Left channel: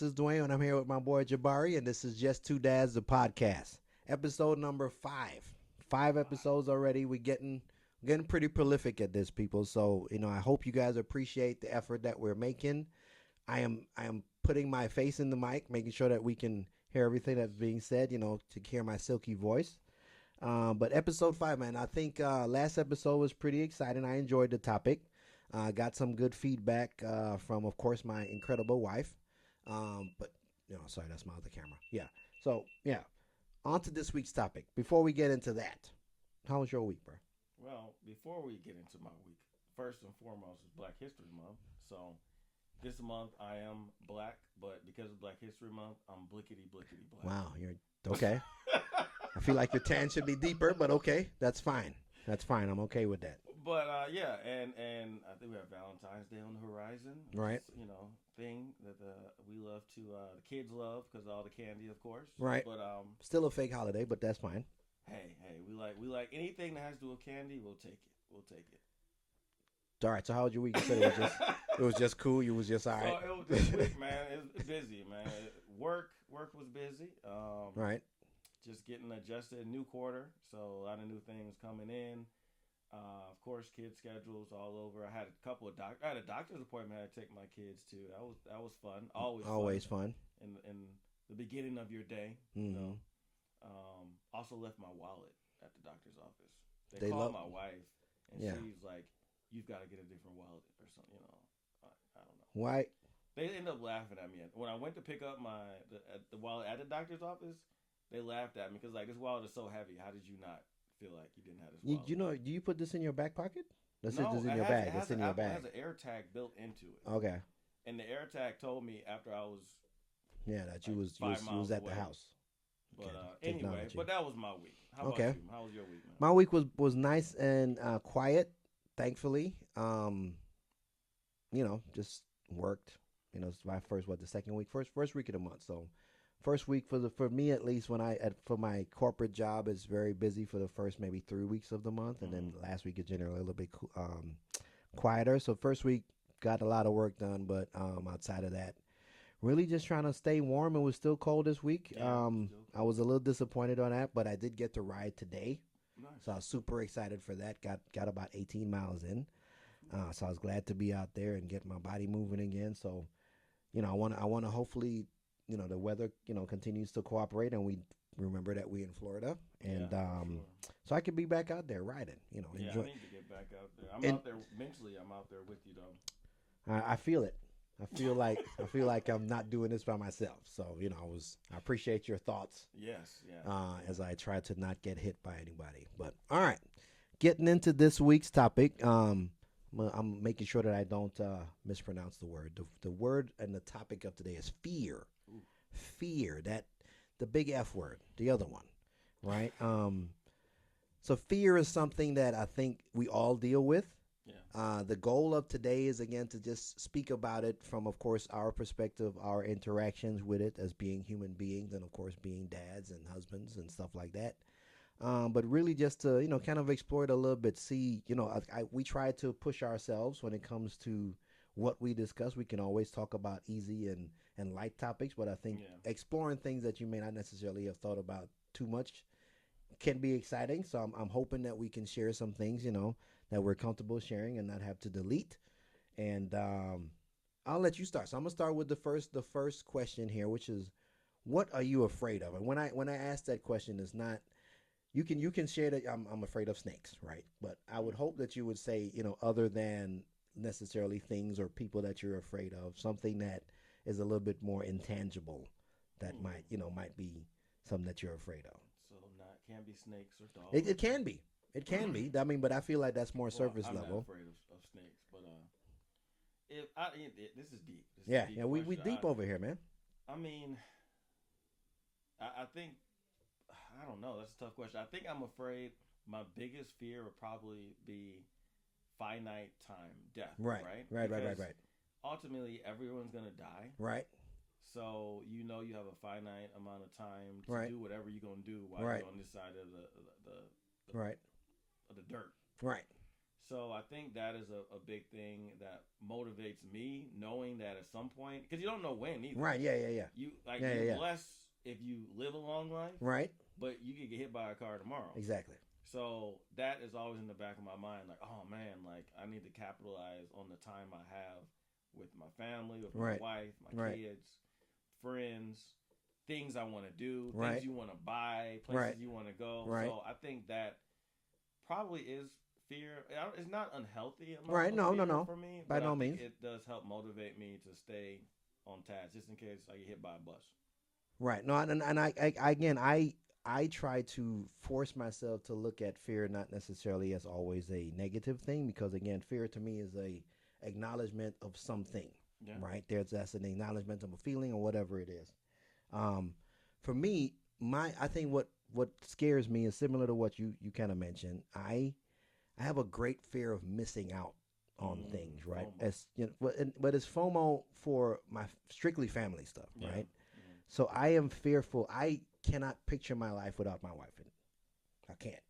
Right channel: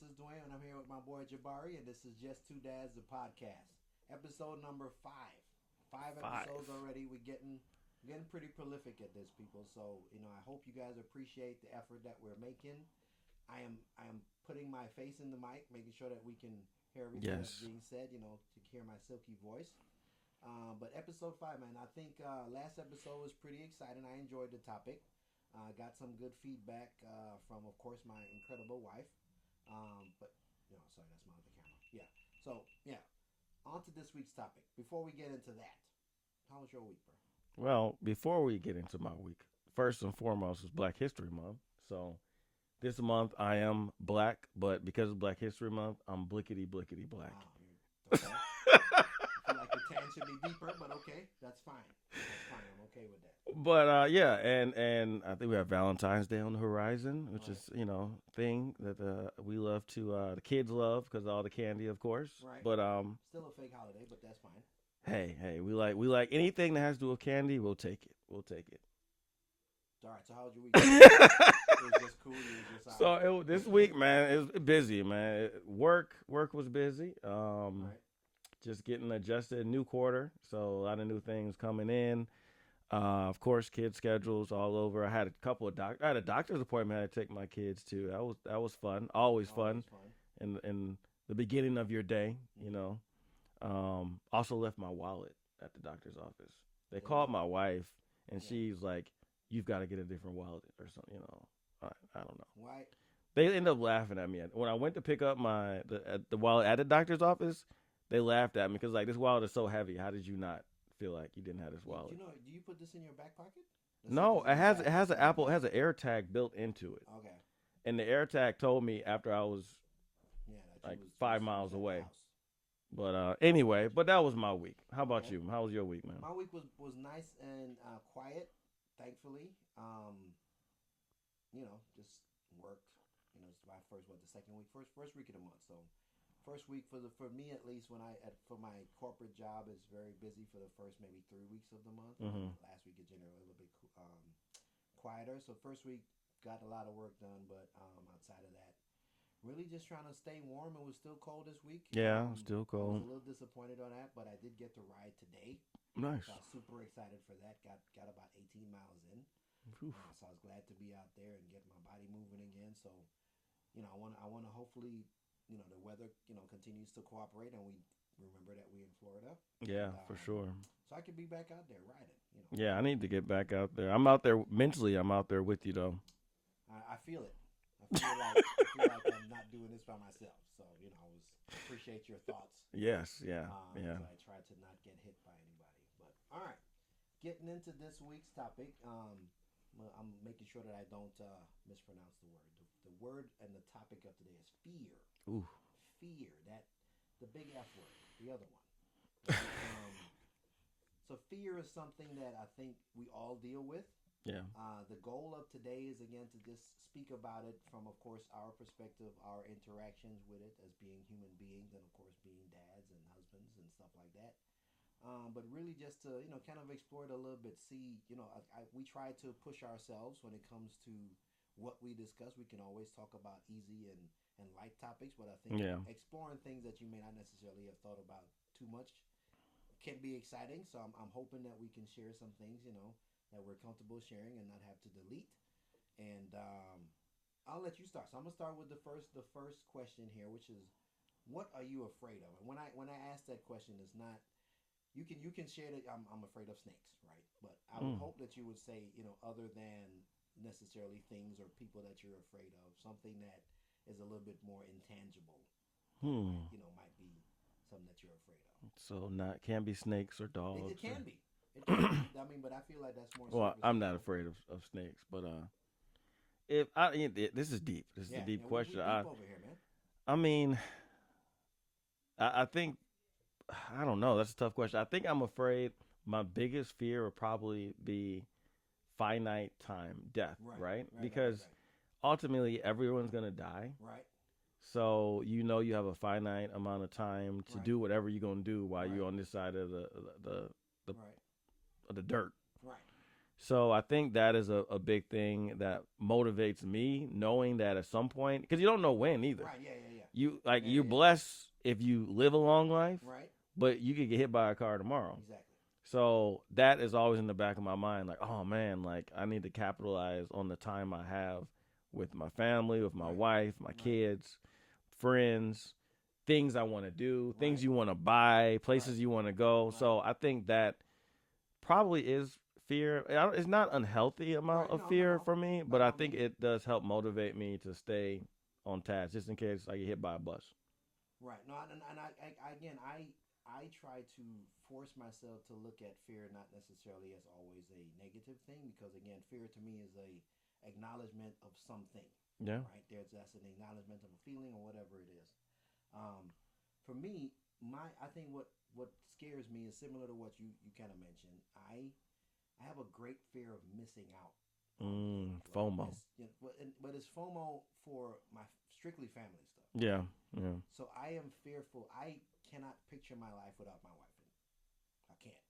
This is Dwayne, and I'm here with my boy Jabari, and this is Just2Dadz, the podcast. Episode number 5. 5 episodes already. We're getting pretty prolific at this, people. So, I hope you guys appreciate the effort that we're making. I am putting my face in the mic, making sure that we can hear everything that's being said, to hear my silky voice. But episode 5, man, I think last episode was pretty exciting. I enjoyed the topic. Got some good feedback from, of course, my incredible wife. But, sorry, that's my other camera. Yeah. So, yeah. On to this week's topic. Before we get into that, how was your week, bro? Well, before we get into my week, first and foremost is Black History Month. So this month I am black, but because of Black History Month, I'm blickety black. Wow, you're okay. I feel like your tan should be deeper, but okay, that's fine. That's fine. I'm okay with that. But yeah, and I think we have Valentine's Day on the horizon, which Right. is thing that we love to the kids love because all the candy, of course. Right. But Still a fake holiday, but that's fine. hey, we like anything that has to do with candy. We'll take it. We'll take it. All right. So how was your week? It was just cool. You was just all right. So this week, man, it was busy, man. Work was busy. Right. Just getting adjusted, new quarter, so a lot of new things coming in. Of course, kids' schedules all over. I had I had a doctor's appointment I had to take my kids to. That was fun. Always fun. In the beginning of your day, Also left my wallet at the doctor's office. They called my wife, and she's like, "You've got to get a different wallet or something." I don't know. Why? They ended up laughing at me when I went to pick up the wallet at the doctor's office. They laughed at me because this wallet is so heavy. How did you not feel like you didn't have this wallet? Do you put this in your back pocket? No, it has an Apple. It has an air tag built into it. Okay. And the air tag told me after I was that you was 5 miles at away. the house. But anyway, that was my week. How about you? How was your week, man? My week was nice and quiet, thankfully. Just worked. It's my the second week, first week of the month. So first week for me at least for my corporate job is very busy for the first maybe 3 weeks of the month, and then last week is generally a little bit quieter. So first week got a lot of work done, but outside of that, really just trying to stay warm. It was still cold this week. Yeah, still cold. I was a little disappointed on that, but I did get to ride today. Nice. So I was super excited for that. Got about 18 miles in. So I was glad to be out there and get my body moving again. So, I want to hopefully, the weather, continues to cooperate, and we remember that we're in Florida. And, for sure. So I could be back out there riding. Yeah, I need to get back out there. I'm out there mentally. I'm out there with you though. I feel it. I feel like I'm not doing this by myself. So I appreciate your thoughts. Yes, yeah. As I try to not get hit by anybody. But all right, getting into this week's topic. I'm making sure that I don't mispronounce the word. The word and the topic of today is fear. Ooh. Fear, the big F word, the other one, right? So fear is something that I think we all deal with. Yeah. The goal of today is, again, to just speak about it from, of course, our perspective, our interactions with it as being human beings, and, of course, being dads and husbands and stuff like that. But really just to, kind of explore it a little bit, see, we try to push ourselves when it comes to what we discuss. We can always talk about easy and light topics, but I think exploring things that you may not necessarily have thought about too much can be exciting. So I'm hoping that we can share some things, that we're comfortable sharing and not have to delete. And I'll let you start. So I'm gonna start with the first question here, which is, what are you afraid of? And when I ask that question, it's not, you can share that I'm afraid of snakes, right? But I would hope that you would say, other than necessarily things or people that you're afraid of, something that is a little bit more intangible that might be something that you're afraid of. So can't be snakes or dogs. It can be. It can be. I mean, but I feel like that's more surface I'm level. not afraid of snakes, but this is deep. This is a deep we question. deep over here, man. I mean, I think, I don't know. That's a tough question. I think I'm afraid my biggest fear would probably be finite time, death. Right. Because ultimately everyone's gonna die. Right. So you have a finite amount of time to do whatever you're gonna do while you're on this side of the right. of the dirt. Right. So I think that is a big thing that motivates me, knowing that at some point, because you don't know when either. Right. Yeah. Yeah. Yeah. You're blessed if you live a long life, Right. but you could get hit by a car tomorrow. Exactly. So that is always in the back of my mind, like, oh man, like I need to capitalize on the time I have with my family, with my wife, my kids, friends, things I want to do, things you want to buy, places you want to go. So I think that probably is fear. It's not unhealthy amount of fear for me, but I think it does help motivate me to stay on task just in case I get hit by a bus. Right. No, and I again, I try to force myself to look at fear not necessarily as always a negative thing, because again, fear to me is a acknowledgement of something. Yeah. Right. That's an acknowledgement of a feeling or whatever it is. For me, I think what scares me is similar to what you kind of mentioned. I have a great fear of missing out on things, right? FOMO. As, you know, but it's FOMO for my strictly family stuff. Yeah. Right? Yeah. So I am fearful. I cannot picture my life without my wife in it. I can't.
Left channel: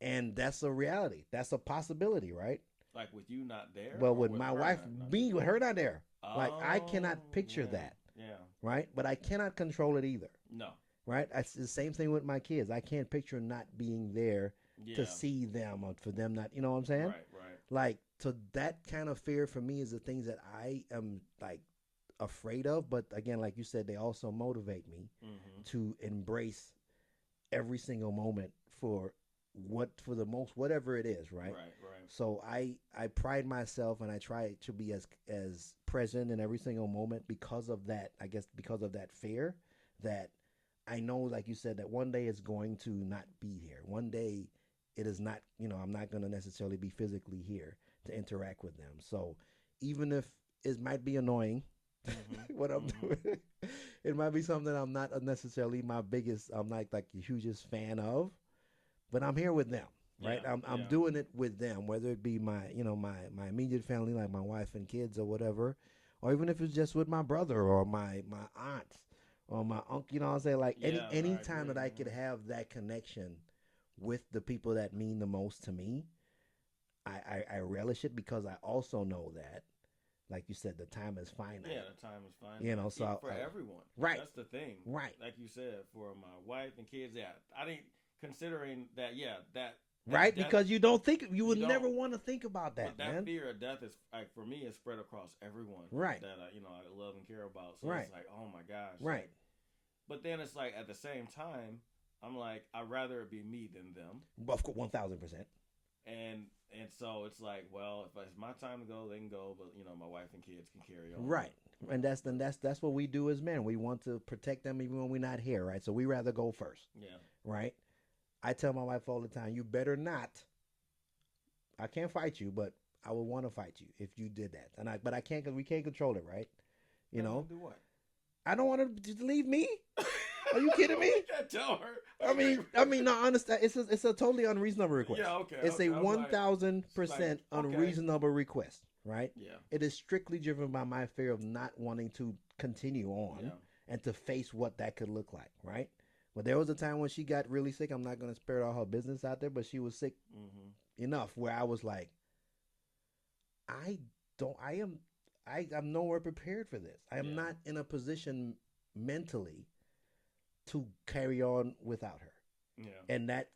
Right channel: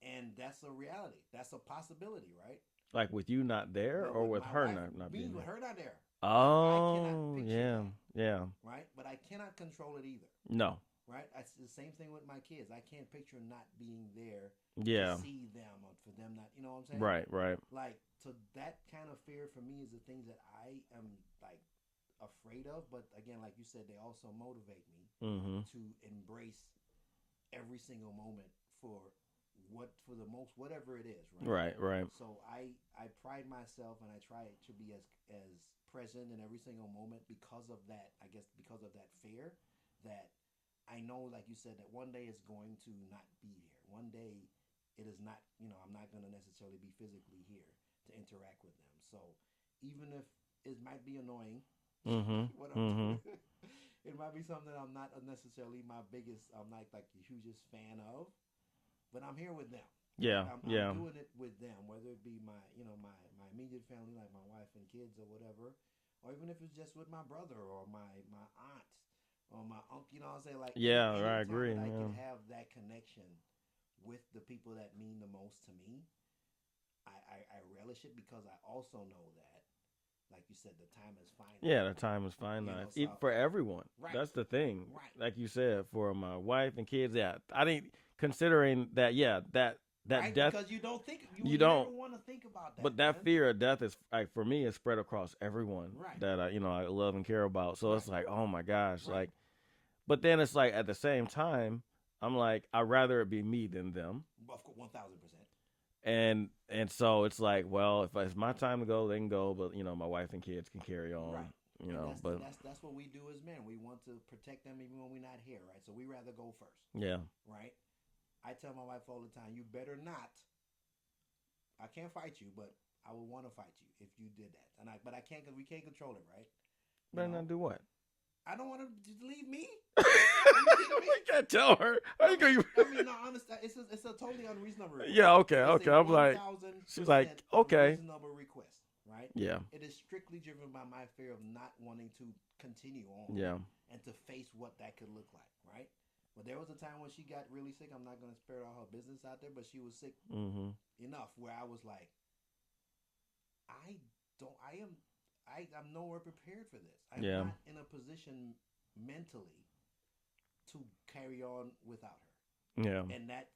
And that's a reality. That's a possibility, right? Like with you not there? Well, or with my wife, being with her not there. Oh, like, I cannot picture that. Yeah. Right? But I cannot control it either. No. Right? It's the same thing with my kids. I can't picture not being there to see them or for them not, you know what I'm saying? Right, right. Like, so that kind of fear for me is the things that I am like afraid of. But again, like you said, they also motivate me to embrace every single moment for whatever it is, right? Right, right. So I pride myself and I try to be as present in every single moment because of that. I guess because of that fear that I know, like you said, that one day it's going to not be here. One day it is not, I'm not going to necessarily be physically here to interact with them. So even if it might be annoying, what I'm doing, it might be something I'm not necessarily I'm not like the hugest fan of, but I'm here with them. Right? Yeah, I'm doing it with them, whether it be my immediate family, like my wife and kids or whatever, or even if it's just with my brother or my aunts or my uncle, you know what I'm saying? Like any time that I can have that connection with the people that mean the most to me, I relish it because I also know that, like you said, the time is finite. Yeah, the time is finite. So for everyone. Right. That's the thing. Right. Like you said, for my wife and kids, I think considering that, that right, death, because you would never want to think about that. But that fear of death is, like, for me, is spread across everyone. Right. That I love and care about. So it's like, oh my gosh, like. But then it's like at the same time, I'm like, I'd rather it be me than them. Of course, 1,000%. And so it's like, well, if it's my time to go, they can go. But my wife and kids can carry on. Right. And that's what we do as men. We want to protect them even when we're not here, right? So we rather go first. Yeah. Right. I tell my wife all the time, you better not. I can't fight you, but I would want to fight you if you did that. But I can't, because we can't control it, right? You know, do what? I don't want to just leave me. Are you kidding me? You can't tell her. I mean, no, understand. It's a totally unreasonable request. Yeah, okay, it's okay. a 1,000% unreasonable request, right? Yeah. It is strictly driven by my fear of not wanting to continue on and to face what that could look like, right? But there was a time when she got really sick. I'm not going to spare all her business out there, but she was sick enough where I was like, I'm nowhere prepared for this. I'm not in a position mentally to carry on without her. Yeah. And that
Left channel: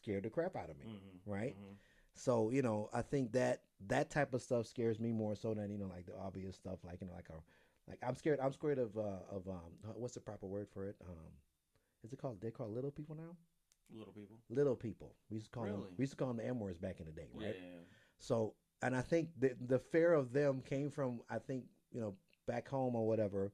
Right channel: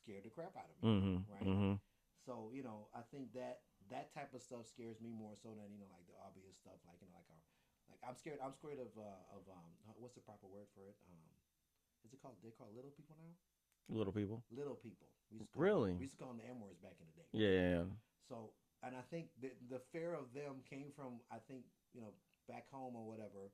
scared the crap out of me. Right. So, I think that type of stuff scares me more so than, like the obvious stuff, like, I'm scared of what's the proper word for it? They call little people now? Little people. Little people. We used to call them the M words back in the day. Right? Yeah. So, and I think the fear of them came from, I think, back home or whatever,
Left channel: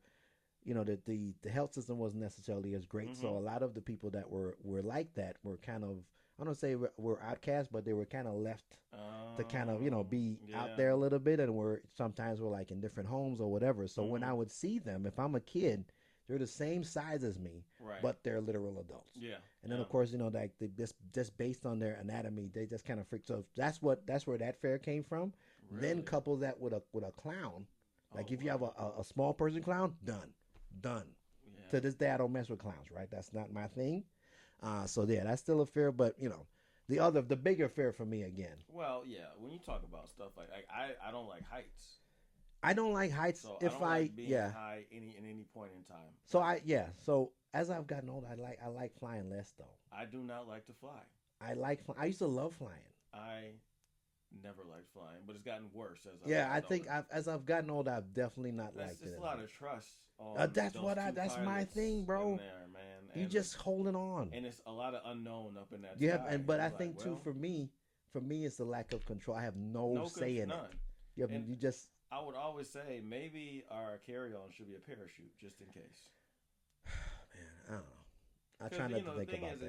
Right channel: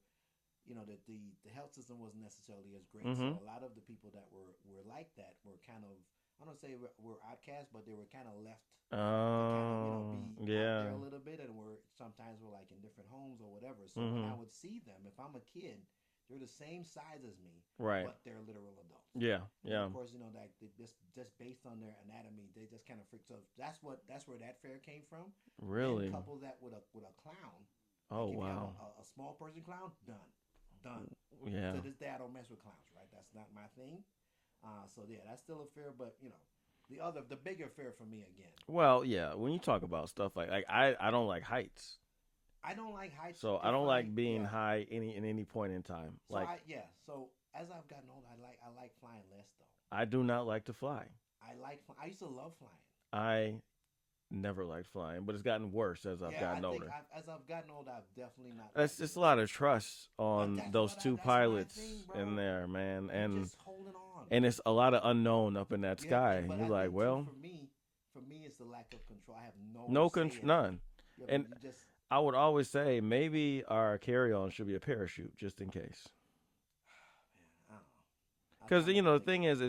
the health system wasn't necessarily as great. So a lot of the people that were like that were kind of, I don't say were outcast, but they were kind of left to kind of, be out there a little bit, and sometimes we're like in different homes or whatever. So when I would see them, if I'm a kid, they're the same size as me, right? But they're literal adults. Yeah. And then of course, like just based on their anatomy, they just kind of freak. So that's where that fear came from. Really? Then couple that with a clown. Like if you have a small person clown, done. Yeah. To this day, I don't mess with clowns. Right? That's not my thing. So yeah, that's still a fear. But the bigger fear for me again. Well, yeah. When you talk about stuff like I don't like heights. I don't like heights. So I don't like being high in any point in time. So So as I've gotten older, I like flying less though. I do not like to fly. I used to love flying. I never liked flying, but it's gotten worse as I've gotten older. As I've gotten older, I've definitely not. That's just a lot of trust on those two pilots thing, in there, man. And you're just holding on. And it's a lot of unknown up in that sky. But I think well, too, for me, it's the lack of control. I have no say in none. Yeah, and you just. I would always say maybe our carry-on should be a parachute just in case. Man, I don't know. Because the thing is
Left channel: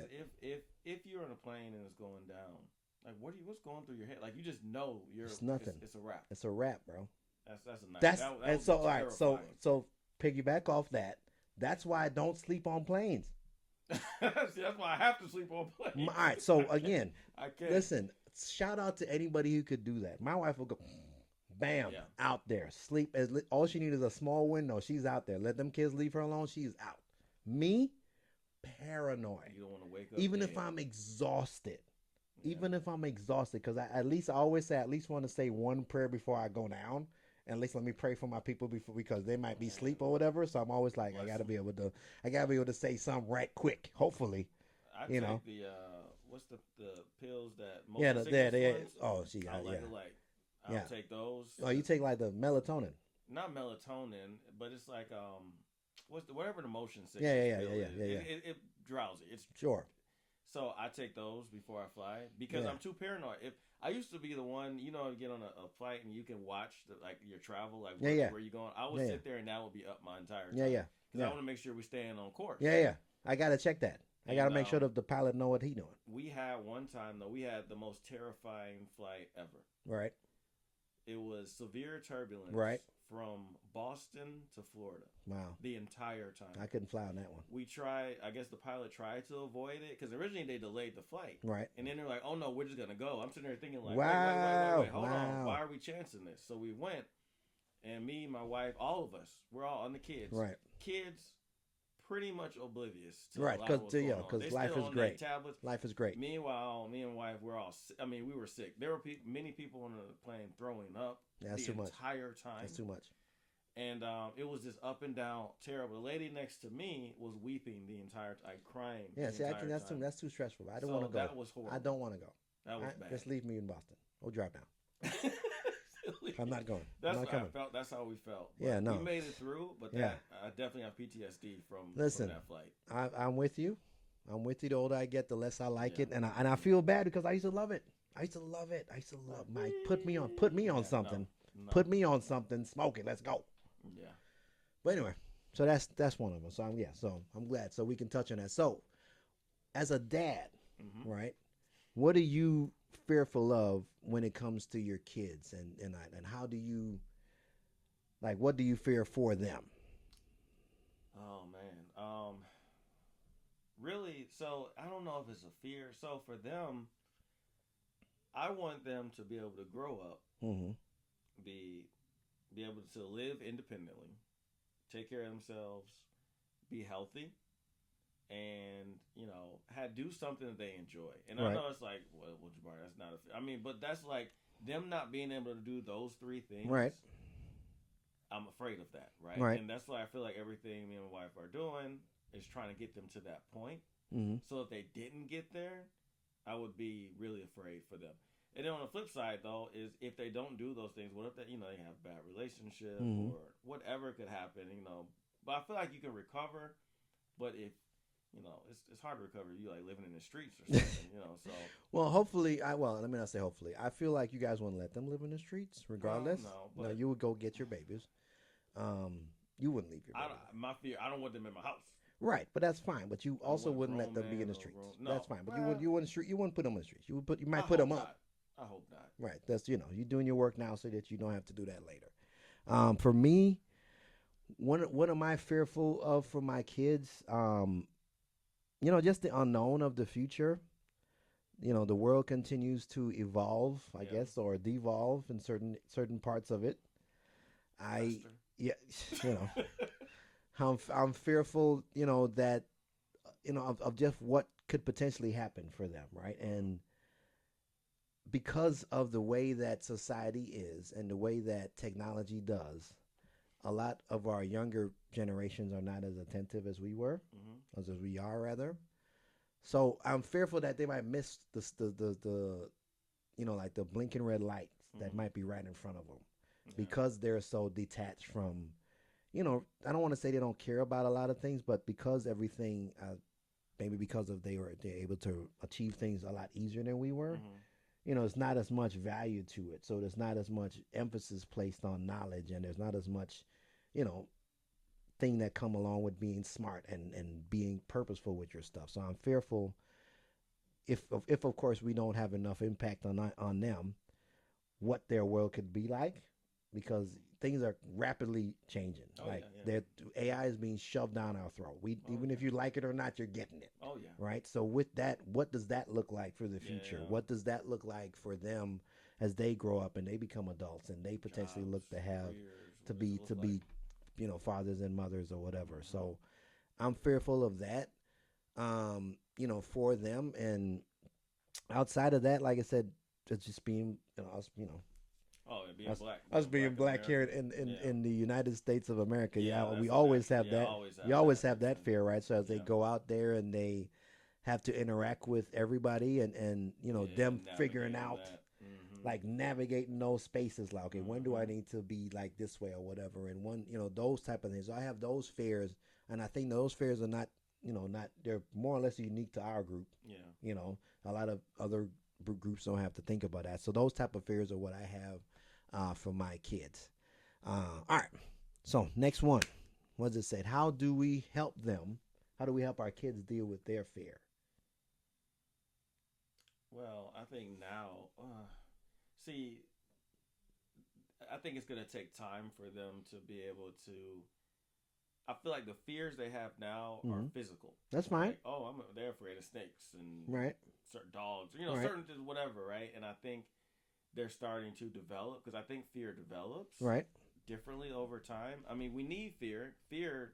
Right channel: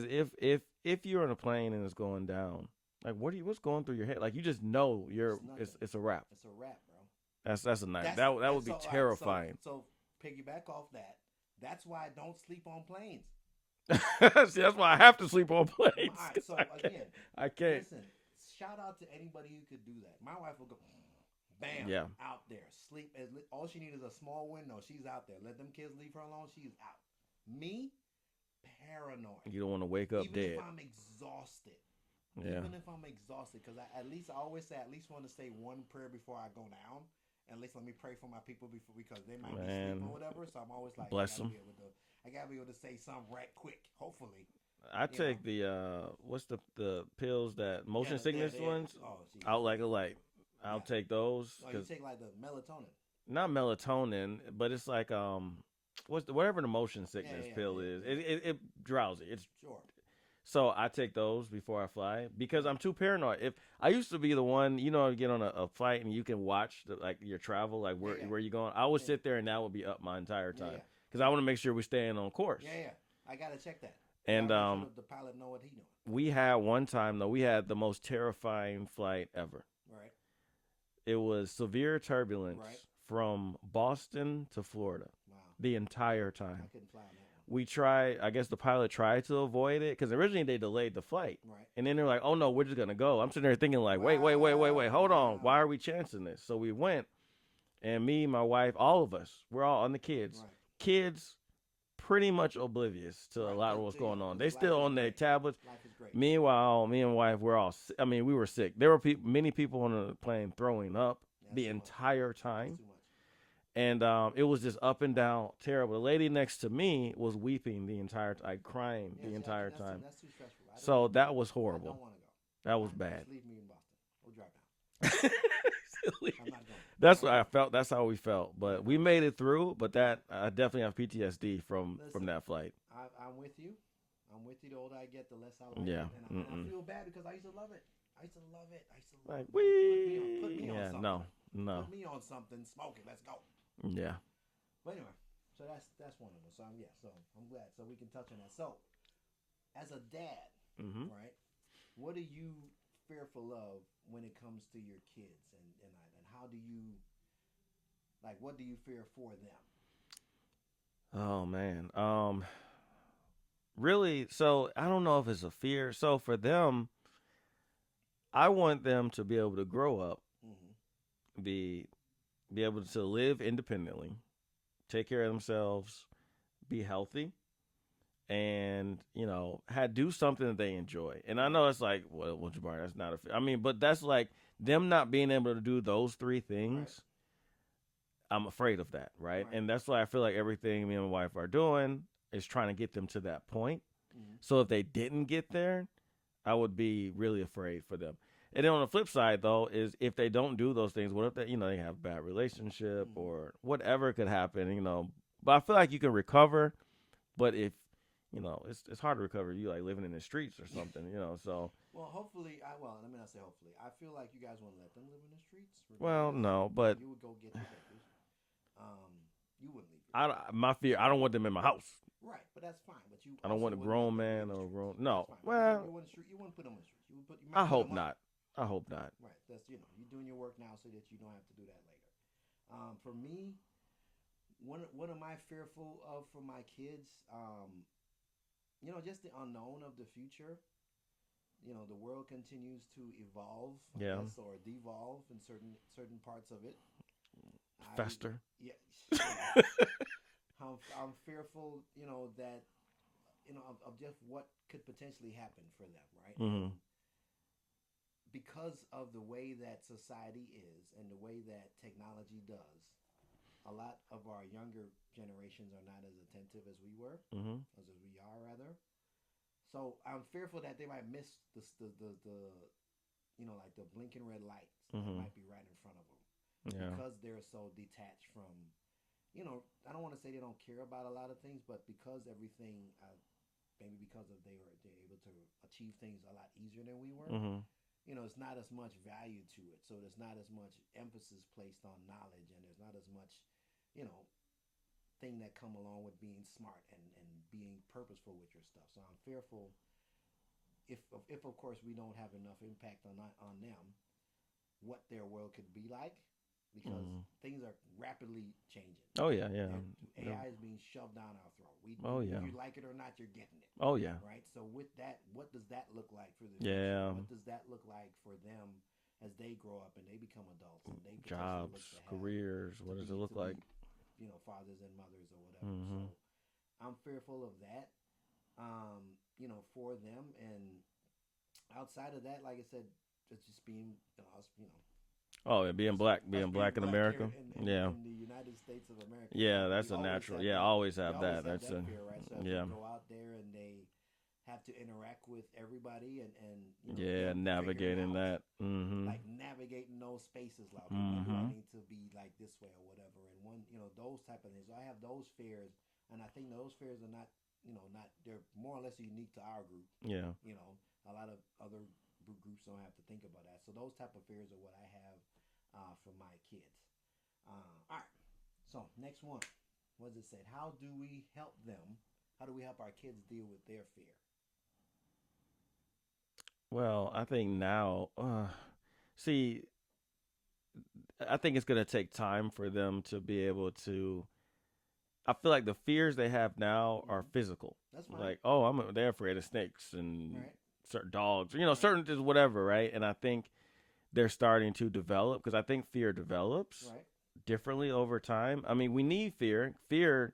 if you're in a plane and it's going down, like what's going through your head? Like you just know it's a wrap. It's a wrap, bro. That's a night. That would be terrifying. So piggyback off that. That's why I don't sleep on planes. See, that's why I have to sleep on planes. All right. So again, I can't. Listen. Shout out to anybody who could do that. My wife will go, bam, out there, sleep. All she needs is a small window. She's out there. Let them kids leave her alone. She's out. Me, paranoid. You don't want to wake up even dead. if I'm exhausted. Yeah. Even if I'm exhausted, because I always say I at least want to say one prayer before I go down. And at least let me pray for my people because they might be asleep or whatever. So I'm always like, I gotta be able to say something right quick. Hopefully. I take the what's the pills that motion sickness ones? Oh, geez, I'll I'll take those. Oh, you take like the melatonin? Not melatonin, but it's like whatever the motion sickness pill is. It drowsy. It's sure. So I take those before I fly because I'm too paranoid. If I used to be the one, you get on a flight and you can watch your travel, like where you're going. I would sit there and that would be up my entire time. Because I want to make sure we're staying on course. Yeah. I gotta check that. I gotta make sure that the pilot know what he's doing. We had one time though. We had the most terrifying flight ever. Right. It was severe turbulence. Right. From Boston to Florida. Wow. The entire time. I couldn't fly on that one. We tried, I guess the pilot tried to avoid it because originally they delayed the flight. Right. And then they're like, oh no, we're just going to go. I'm sitting there thinking like, wait, hold on. Why are we chancing this? So we went and me, my wife, all of us, we're all on the kids. Right. Kids pretty much oblivious to a lot of what's going on. They still on their tablets. Life is great. Meanwhile, me and wife, we were sick. There were many people on the plane throwing up the entire time. That's too much. And it was just up and down, terrible. The lady next to me was weeping the entire time, crying the entire time. That's too stressful. So that was horrible. I don't want to go. That was bad. Just leave me in Boston. We'll drive down. I'm not going. That's what I felt. That's how we felt. But we made it through. But I definitely have PTSD from that flight. I'm with you. I'm with you. The older I get, the less I like it, and I feel bad because I used to love it. I used to love it. Put me on something. No. Put me on something. Smoke it. Let's go. Yeah. But anyway, so that's one of them. So I'm glad. So we can touch on that. So as a dad, right? What are you fearful of when it comes to your kids, and how do you what do you fear for them? Oh man. Really, so I don't know if it's a fear. So for them, I want them to be able to grow up, be able to live independently, take care of themselves, be healthy, and do something that they enjoy. And right. I know it's like, well, Jabari, that's not but that's like them not being able to do those three things. Right. I'm afraid of that, right? And that's why I feel like everything me and my wife are doing is trying to get them to that point. So if they didn't get there, I would be really afraid for them. And then on the flip side, though, is if they don't do those things, what if they have a bad relationship or whatever could happen, But I feel like you can recover, but if, it's hard to recover. You like living in the streets or something, So well, hopefully, let me not say hopefully. I feel like you guys want to let them live in the streets, regardless. Well, no, but you would go get your babies. You wouldn't leave my fear. I don't want them in my house. Right, but that's fine. But you also wouldn't let them be in the streets. No, that's fine. Well, you wouldn't put them in the streets. You might put them up. I hope not. Right. That's you're doing your work now so that you don't have to do that later. For me, what am I fearful of for my kids? Just the unknown of the future. The world continues to evolve, I guess, or devolve in certain parts of it. Faster. I'm fearful, that of just what could potentially happen for them, right? because of the way that society is and the way that technology does, a lot of our younger generations are not as attentive as we were, as we are rather. So I'm fearful that they might miss the like the blinking red lights that might be right in front of them because they're so detached from, I don't want to say they don't care about a lot of things, but because everything, maybe because of they're able to achieve things a lot easier than we were. It's not as much value to it. So there's not as much emphasis placed on knowledge, and there's not as much, thing that come along with being smart and being purposeful with your stuff. So I'm fearful if of course we don't have enough impact on them, what their world could be like, because things are rapidly changing. Oh, right? Yeah. AI is being shoved down our throat. Even if you like it or not, you're getting it. Oh, yeah. Right? So with that, what does that look like for the future? What does that look like for them as they grow up and they become adults and they potentially Jobs, look to have careers, to be like? Fathers and mothers or whatever. So I'm fearful of that, for them. And outside of that, like I said, it's just being, us, Oh, yeah, being black in America. Here in the United States of America. Yeah, we always have that. You always have that fear, right? So as they go out there and they have to interact with everybody and them figuring out that. Like navigating those spaces, like, okay, when do I need to be like this way or whatever, and those type of things. So I have those fears, and I think those fears are not they're more or less unique to our group. A lot of other groups don't have to think about that. So those type of fears are what I have for my kids. All right. So next one, what does it say? How do we help them? How do we help our kids deal with their fear? Well, I think now, I think it's going to take time for them to be able to. I feel like the fears they have now are physical. That's fine. Like, they're afraid of snakes and certain dogs, certain just whatever, right? And I think they're starting to develop, because I think fear develops differently over time. I mean, we need fear. Fear,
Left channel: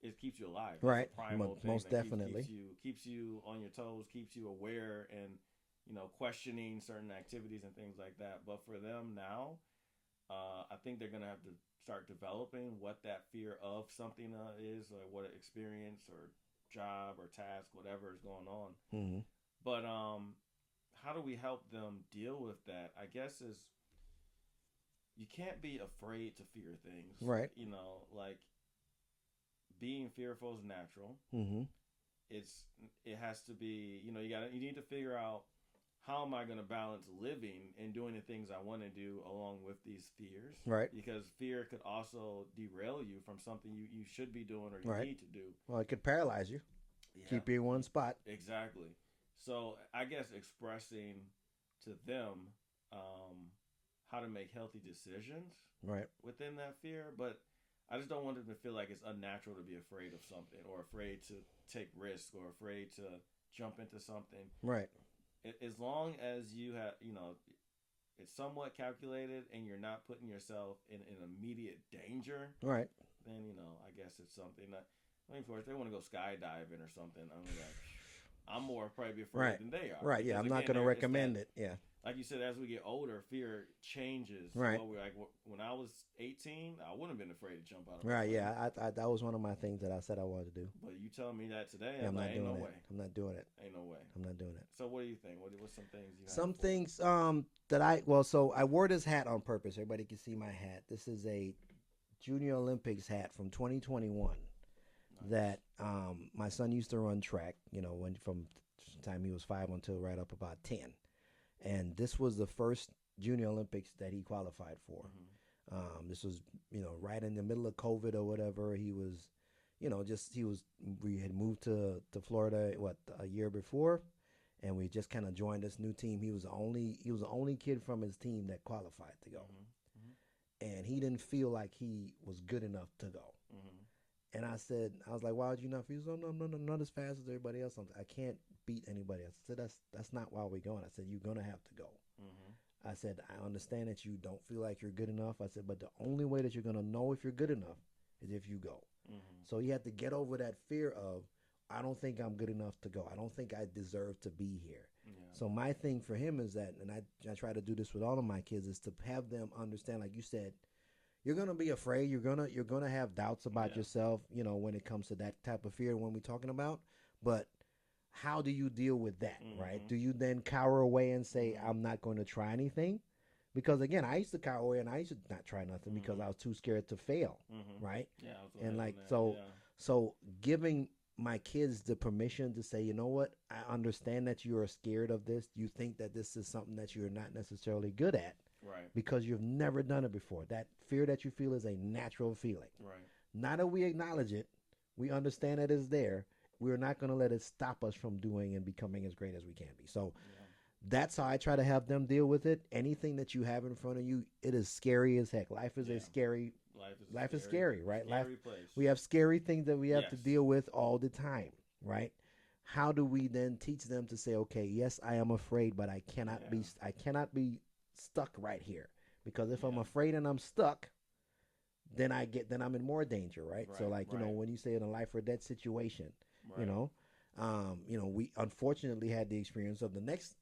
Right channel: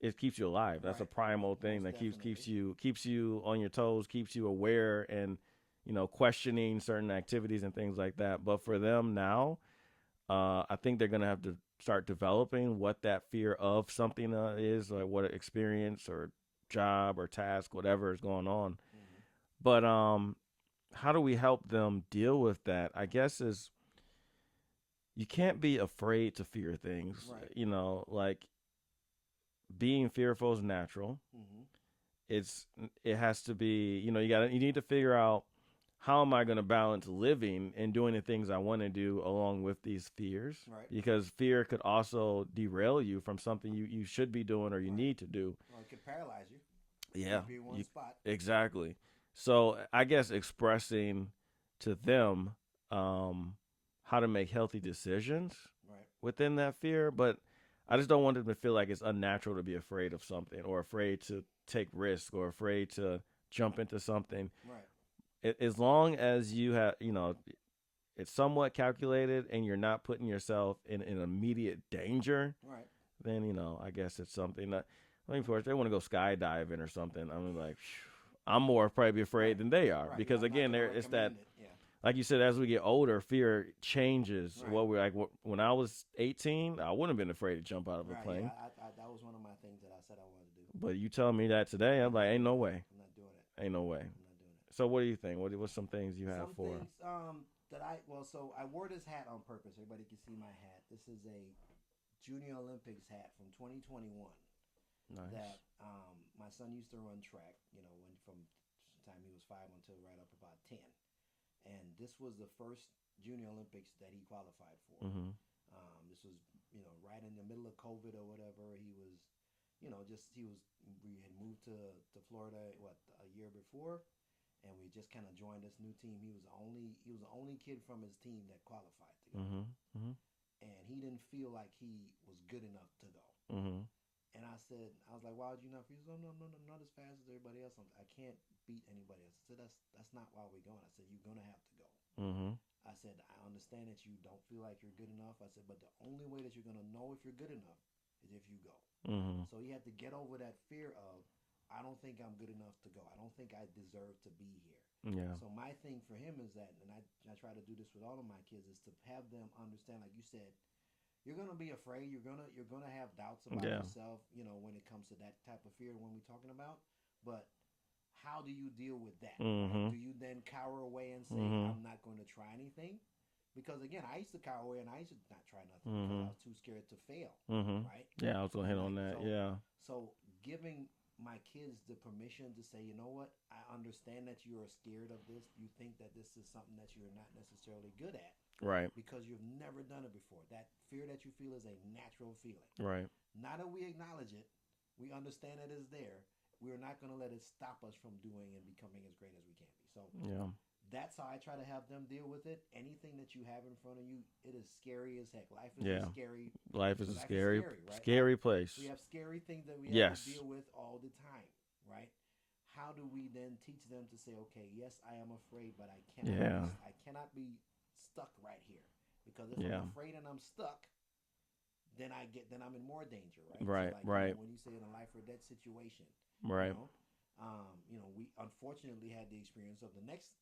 it keeps you alive. That's a primal thing that keeps you on your toes, keeps you aware, and questioning certain activities and things like that. But for them now, I think they're gonna have to start developing what that fear of something is, like what experience or job or task, whatever is going on. But how do we help them deal with that? I guess is you can't be afraid to fear things, right? Like being fearful is natural. It has to be, you need to figure out, how am I going to balance living and doing the things I want to do along with these fears? Right. Because fear could also derail you from something you should be doing or you need to do. Well, it could paralyze you. Yeah. Keep you in one spot. Exactly. So I guess expressing to them how to make healthy decisions within that fear. But I just don't want them to feel like it's unnatural to be afraid of something, or afraid to take risks, or afraid to jump into something. Right. As long as you have, it's somewhat calculated and you're not putting yourself in immediate danger, right? Then, I guess it's something that, of course, they want to go skydiving or something. I'm like, I'm more probably afraid than they are. Right. Because I'm again, not gonna recommend it. Yeah. Like you said, as we get older, fear changes. Right. What we're like, when I was 18, I wouldn't have been afraid to jump out of a plane. Right, yeah. I that was one of my things that I said I wanted to do. But you telling me that today, I'm like, ain't no way. I'm not doing it. Ain't no way. I'm not doing it. So what do you think? What's some things you have? Some things that so I wore this hat on purpose. Everybody can see my hat. This is a Junior Olympics hat from 2021. Nice. That my son used to run track, when from the time he was 5 until right up about 10. And this was the first Junior Olympics that he qualified for. This was, right in the middle of COVID or whatever. He was, we had moved to Florida, a year before, and we just kind of joined this new team. He was the only kid from his team that qualified to go. And he didn't feel like he was good enough to go. And I was like, why would you not feel? He said, no, I'm not as fast as everybody else. I can't beat anybody else. I said, that's not why we're going. I said, you're going to have to go. I said, I understand that you don't feel like you're good enough. I said, but the only way that you're going to know if you're good enough is if you go. So you have to get over that fear of, I don't think I'm good enough to go. I don't think I deserve to be here. Yeah. So my thing for him is that, and I try to do this with all of my kids, is to have them understand, like you said, you're gonna be afraid. You're gonna have doubts about yourself. When it comes to that type of fear when we're talking about. But how do you deal with that? Right? Do you then cower away and say, I'm not going to try anything? Because again, I used to cower away and I used to not try nothing because I was too scared to fail. Right? Yeah, I was going to hit on that. So, yeah. So giving my kids the permission to say, you know what, I understand that you are scared of this. You think that this is something that you're not necessarily good at. Right. Because you've never done it before. That fear that you feel is a natural feeling. Right. Now that we acknowledge it, we understand that it's there. We're not going to let it stop us from doing and becoming as great as we can be. So that's how I try to have them deal with it. Anything that you have in front of you, it is scary as heck. Life is scary. Life is scary, right? Scary place. We have scary things that we have to deal with all the time, right? How do we then teach them to say, okay, yes, I am afraid, but I cannot be stuck right here, because if I'm afraid and I'm stuck, then I'm in more danger, right? So like when you say in a life or death situation, we unfortunately had the experience of the next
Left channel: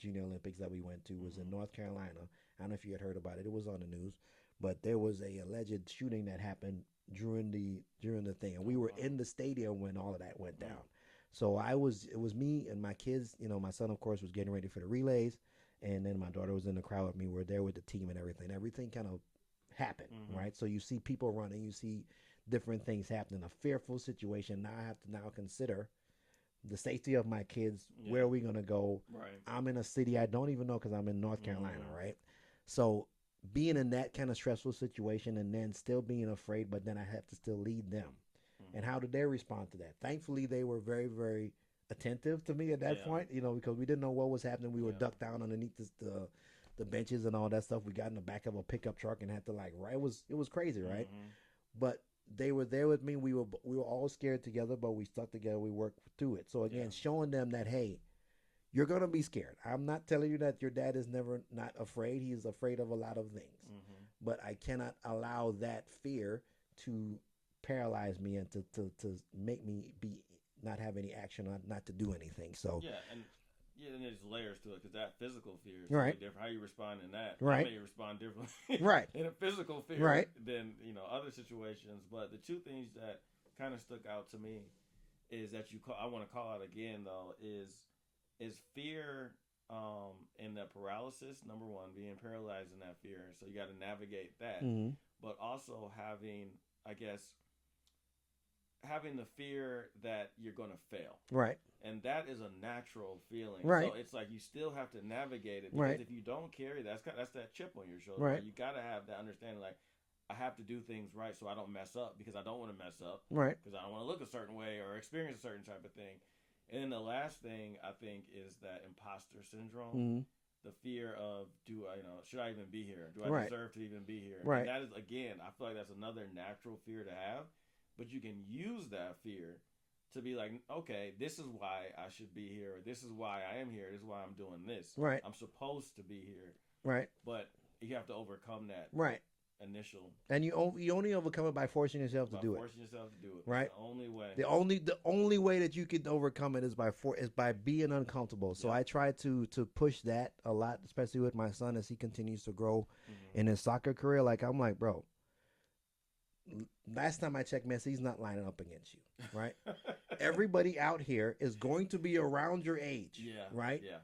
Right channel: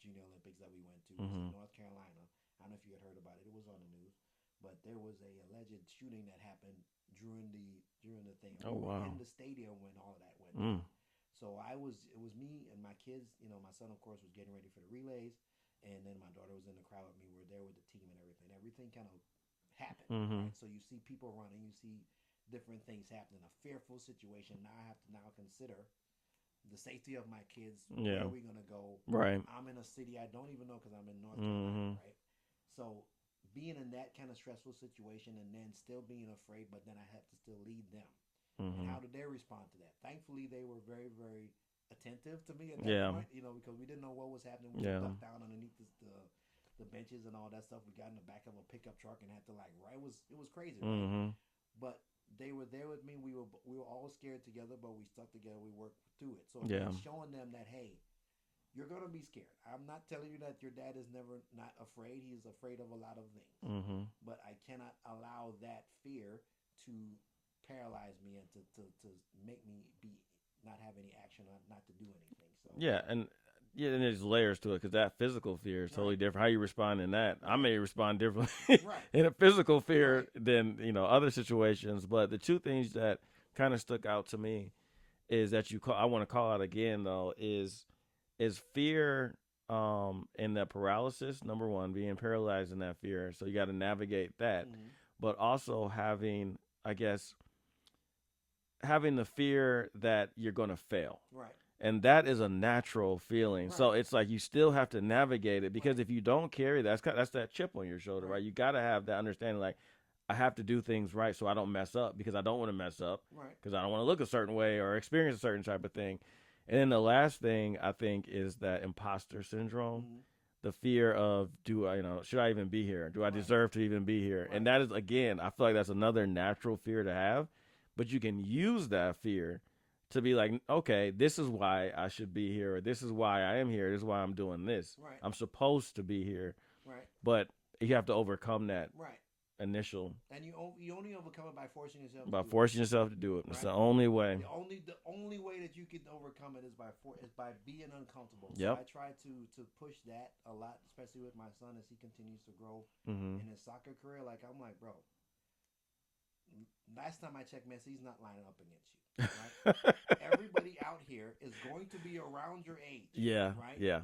Junior Olympics that we went to was in North Carolina. I don't know if you had heard about it. It was on the news, but there was a alleged shooting that happened during the thing, and we were in the stadium when all of that went down. So it was me and my kids. My son, of course, was getting ready for the relays. And then my daughter was in the crowd with me. We're there with the team and everything. Everything kind of happened, right? So you see people running. You see different things happening. A fearful situation. Now I have to consider the safety of my kids. Where are we going to go? Right. I'm in a city I don't even know because I'm in North Carolina, right? So being in that kind of stressful situation and then still being afraid, but then I have to still lead them. And how did they respond to that? Thankfully, they were very, very attentive to me at that point, because we didn't know what was happening. We were ducked down underneath the benches and all that stuff. We got in the back of a pickup truck and had to it was crazy, right? But they were there with me. We were all scared together, but we stuck together. We worked through it. So again, showing them that, hey, you're gonna be scared. I'm not telling you that your dad is never not afraid. He is afraid of a lot of things, but I cannot allow that fear to paralyze me and to make me not have any action, not to do anything. So and there's layers to it, because that physical fear is totally different. How you respond in that, I may respond differently in a physical fear than other situations. But the two things that kind of stuck out to me is that I want to call out again though is fear and that paralysis. Number one, being paralyzed in that fear, so you got to navigate that, but also having the fear that you're going to fail. Right. And that is a natural feeling. Right. So it's like you still have to navigate it, because if you don't carry that's that chip on your shoulder, right? You got to have that understanding, like, I have to do things right so I don't mess up, because I don't want to mess up. Right. Because I don't want to look a certain way or experience a certain type of thing. And then the last thing I think is that imposter syndrome. The fear of, should I even be here? Do I deserve to even be here? Right. And that is, again, I feel like that's another natural fear to have. But you can use that fear to be like, okay, this is why I should be here, or this is why I am here, this is why I'm doing this. Right. I'm supposed to be here. Right. But you have to overcome that. Right. Initial. And you only overcome it by forcing yourself to do it. By forcing yourself to do it. Right. It's the only way. The only way that you can overcome it is by being uncomfortable. So I try to push that a lot, especially with my son as he continues to grow in his soccer career. Like, I'm like, bro, last time I checked, Messi, he's not lining up against you, right? Everybody out here is going to be around your age. Yeah. Right? Yeah.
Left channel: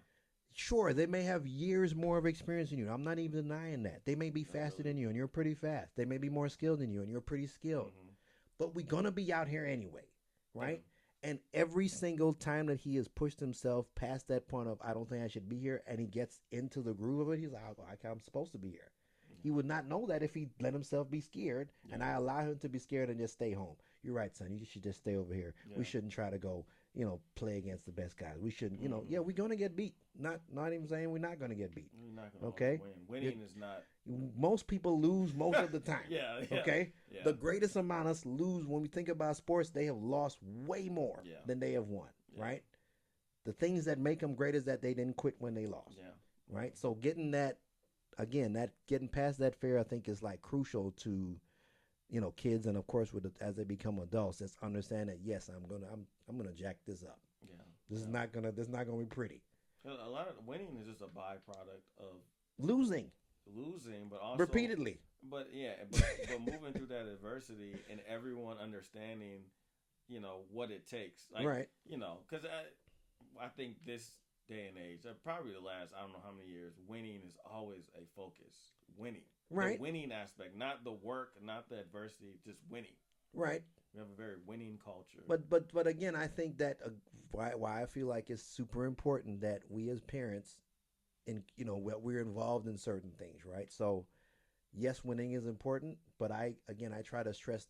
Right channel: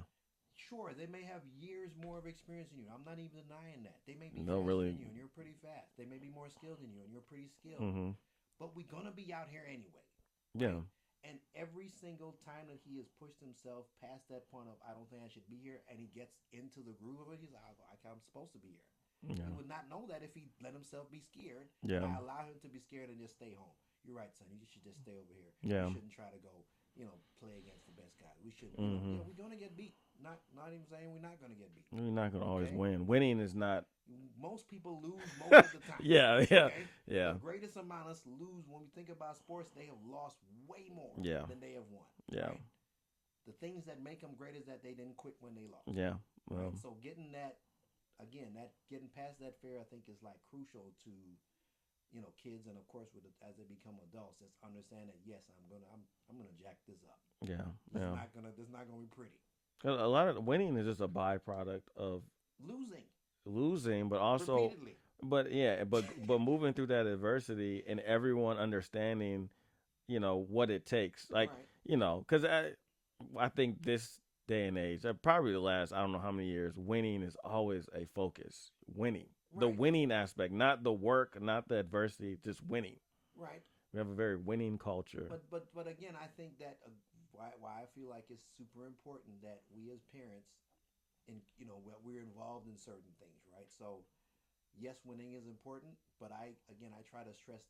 Sure, they may have years more of experience than you. I'm not even denying that. They may be faster than you, and you're pretty fast. They may be more skilled than you, and you're pretty skilled. But we're going to be out here anyway, right? Yeah. And every single time that he has pushed himself past that point of, I don't think I should be here, and he gets into the groove of it, he's like, I'm supposed to be here. Yeah. He would not know that if he let himself be scared, and I allow him to be scared and just stay home. You're right, son. You should just stay over here. Yeah. We shouldn't try to go, play against the best guys. We shouldn't, we're going to get beat. Not even saying we're not going to get beat. We're not going to always win. Winning is not. Most people lose most of the time. Yeah. Okay? Yeah. The greatest amount of us lose. When we think about sports, they have lost way more than they have won, right? The things that make them great is that they didn't quit when they lost. Yeah. Right? So getting past that fear, I think, is like crucial to, kids, and of course as they become adults, just understand that yes, I'm gonna jack this up. Yeah, This is not gonna be pretty. A lot of winning is just a byproduct of Losing but also repeatedly. But yeah, but moving through that adversity and everyone understanding, what it takes, like Right. Because I think this day and age, probably the last I don't know how many years, winning is always a focus. Winning, Right. the winning aspect, not the work, not the adversity, just winning. Right. We have a very winning culture. But again, I think that why I feel like it's super important that we as parents, we're involved in certain things, right? So, yes, winning is important, but I try to stress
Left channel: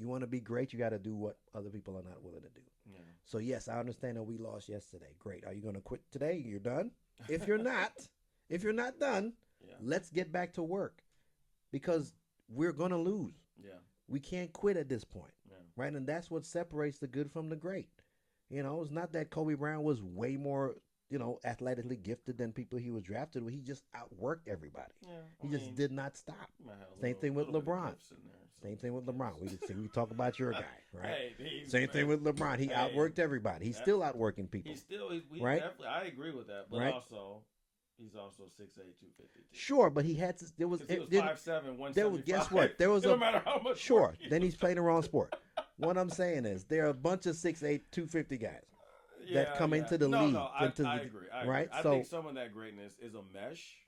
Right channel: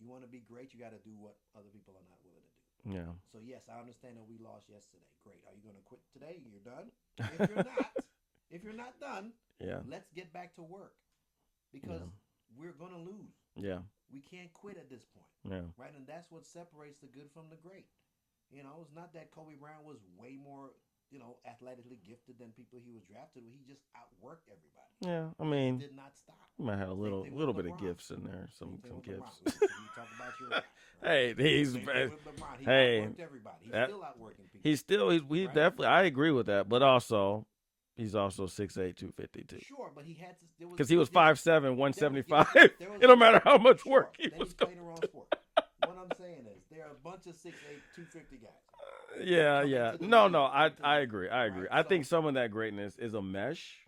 you want to be great, you got to do what other people are not willing to do. Yeah. So yes, I understand that we lost yesterday. Great. Are you going to quit today? You're done. If you're not, if you're not done, Yeah. let's get back to work, because we're going to lose. Yeah. We can't quit at this point. Yeah. Right? And that's what separates the good from the great. It's not that Kobe Bryant was way more, athletically gifted than people he was drafted with. He just outworked everybody. Yeah. I He mean, just did not stop. you might have a Same thing with little bit LeBron. of gifts in there. Same thing with gifts. LeBron. We talk about your guy. Right? Hey, Same thing with LeBron. He Hey, outworked everybody. He's still outworking people. He's Right? definitely. I agree with that, but Right. also, he's also 6'8", 252. Sure, but he had to. Because he was 5'7", 175. It It don't matter how much Sure. work. Then he's playing the wrong sport. What I'm saying is there are a bunch of 6'8", 250 guys. Yeah, come yeah. into the No, league, I into the- agree. I agree. right? I So- think some of that greatness is a mesh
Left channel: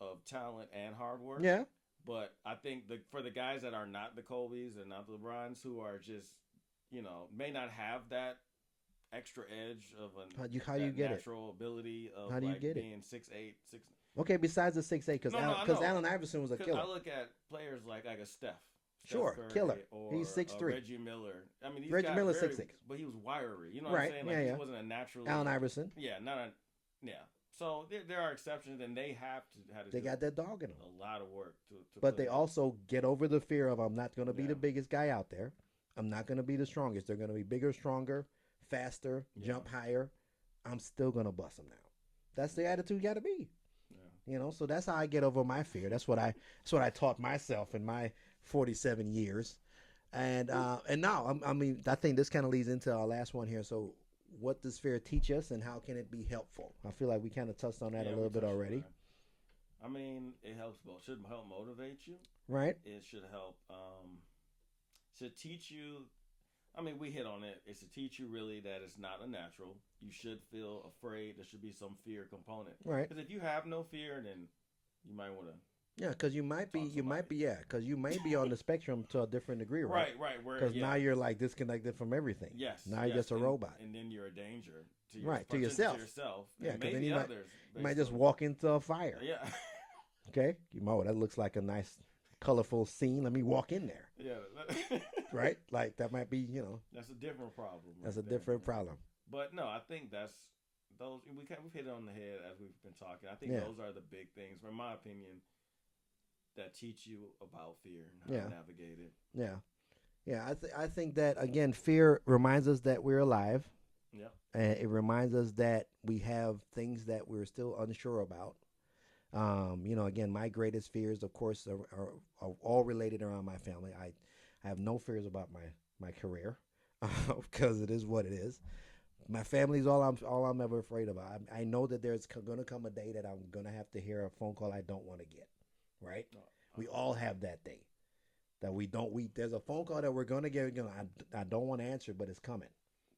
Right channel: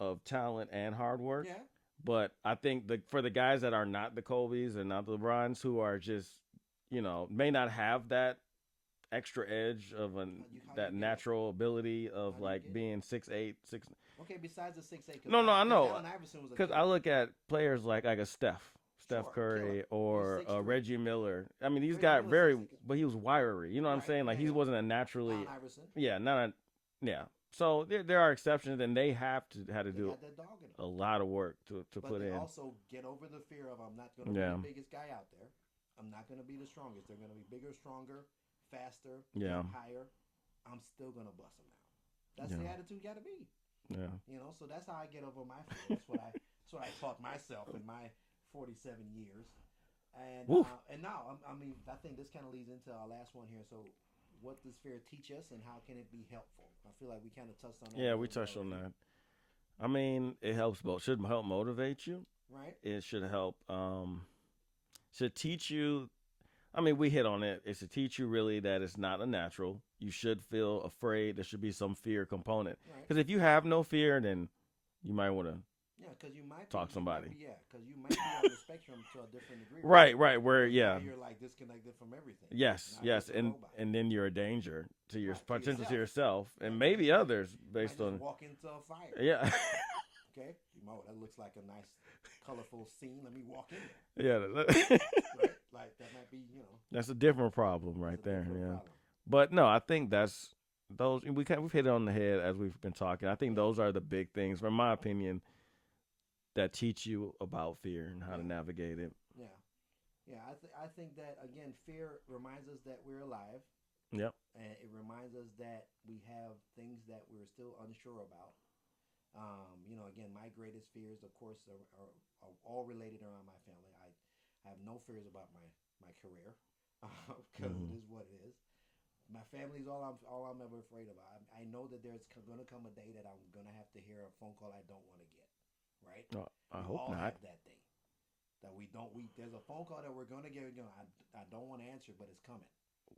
of talent and hard work. Yeah. But I think for the guys that are not the Kobe's and not the LeBrons, who are just, may not have that extra edge of that natural ability of being 6'8", 6. Okay, besides the 6'8", because I know. Allen Iverson was a Because killer. I look at players like a Steph Sure, Curry, killer. or He's 6'3". Reggie Miller. I mean, these Reggie guys Miller's 6'6". but he was wiry. You know what I'm Right, saying? Like yeah, he yeah. wasn't a naturally. Allen Iverson. Yeah, yeah. So there are exceptions, and they have to They do got that dog in them. a lot of work to But put they in. also get over the fear of, I'm not going to be Yeah. the biggest guy out there. I'm not going to be the strongest. They're going to be bigger, stronger, faster, jump higher. I'm still going to bust them now. That's the attitude you got to be. Yeah. So that's how I get over my fear. That's what I taught myself in my 47 years. And now, I think this kind of leads into our last one here. So what does fear teach us, and how can it be helpful? I feel like we kind of touched on that a little bit already. On that. I mean, it helps both. Should help motivate you. Right. It should help, should teach you. I mean, we hit on it. It's to teach you really that it's not a natural. You should feel afraid. There should be some fear component. Right. Because if you have no fear, then you might want to. Yeah, because you might be on the spectrum to a different degree. Right. Where now you're like disconnected from everything. Yes. Now you're just a robot. And then you're a danger to yourself. Yeah, and maybe others. You might just walk into a fire. Yeah. Okay. That looks like a nice, colorful scene. Let me walk in there. Yeah. Right. Like that might be. That's a different problem, right there. That's a different problem. But no, I think that's those. We've hit it on the head as we've been talking. I think those are the big things, from my opinion, that teach you about fear and how to navigate it. Yeah. I think that, again, fear reminds us that we're alive. Yep. And it reminds us that we have things that we're still unsure about. Again, my greatest fears, of course, are all related around my family. I have no fears about my career because it is what it is. My family is all I'm ever afraid of. I know that there's going to come a day that I'm going to have to hear a phone call I don't want to get. Right? We all have that day that there's a phone call that we're going to get. I don't want to answer, but it's coming.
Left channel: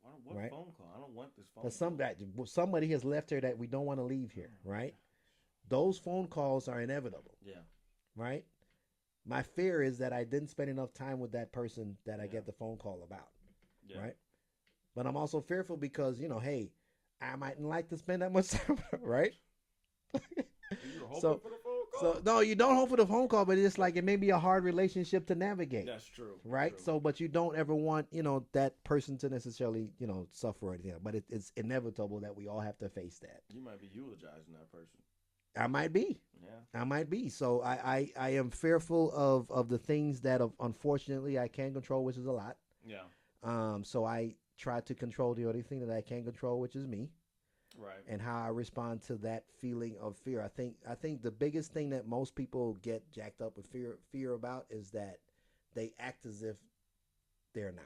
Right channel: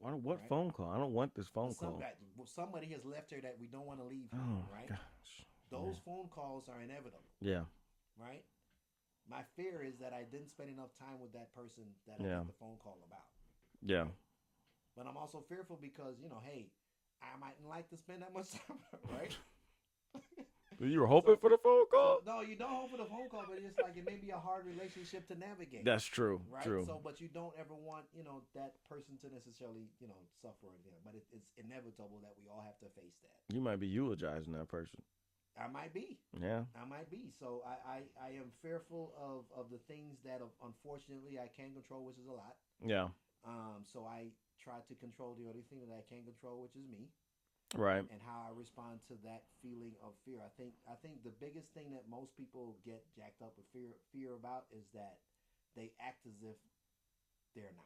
What phone call? I don't want this phone call. Somebody has left here that we don't want to leave here, right? Gosh. Those phone calls are inevitable. Yeah. Right? My fear is that I didn't spend enough time with that person that I get the phone call about. Yeah. Right? But I'm also fearful because, hey, I mightn't like to spend that much time, right? You were hoping for the phone call? So, no, you don't hope for the phone call, but it's like it may be a hard relationship to navigate. That's true. Right? True. So, but you don't ever want, that person to necessarily, suffer or anything. But it's inevitable that we all have to face that. You might be eulogizing that person. I might be. Yeah. I might be. So I am fearful of the things that, unfortunately, I can control, which is a lot. Yeah. So I try to control the only thing that I can control, which is me. Right. and how I respond to that feeling of fear. I think the biggest thing that most people get jacked up with fear about is that they act as if they're not.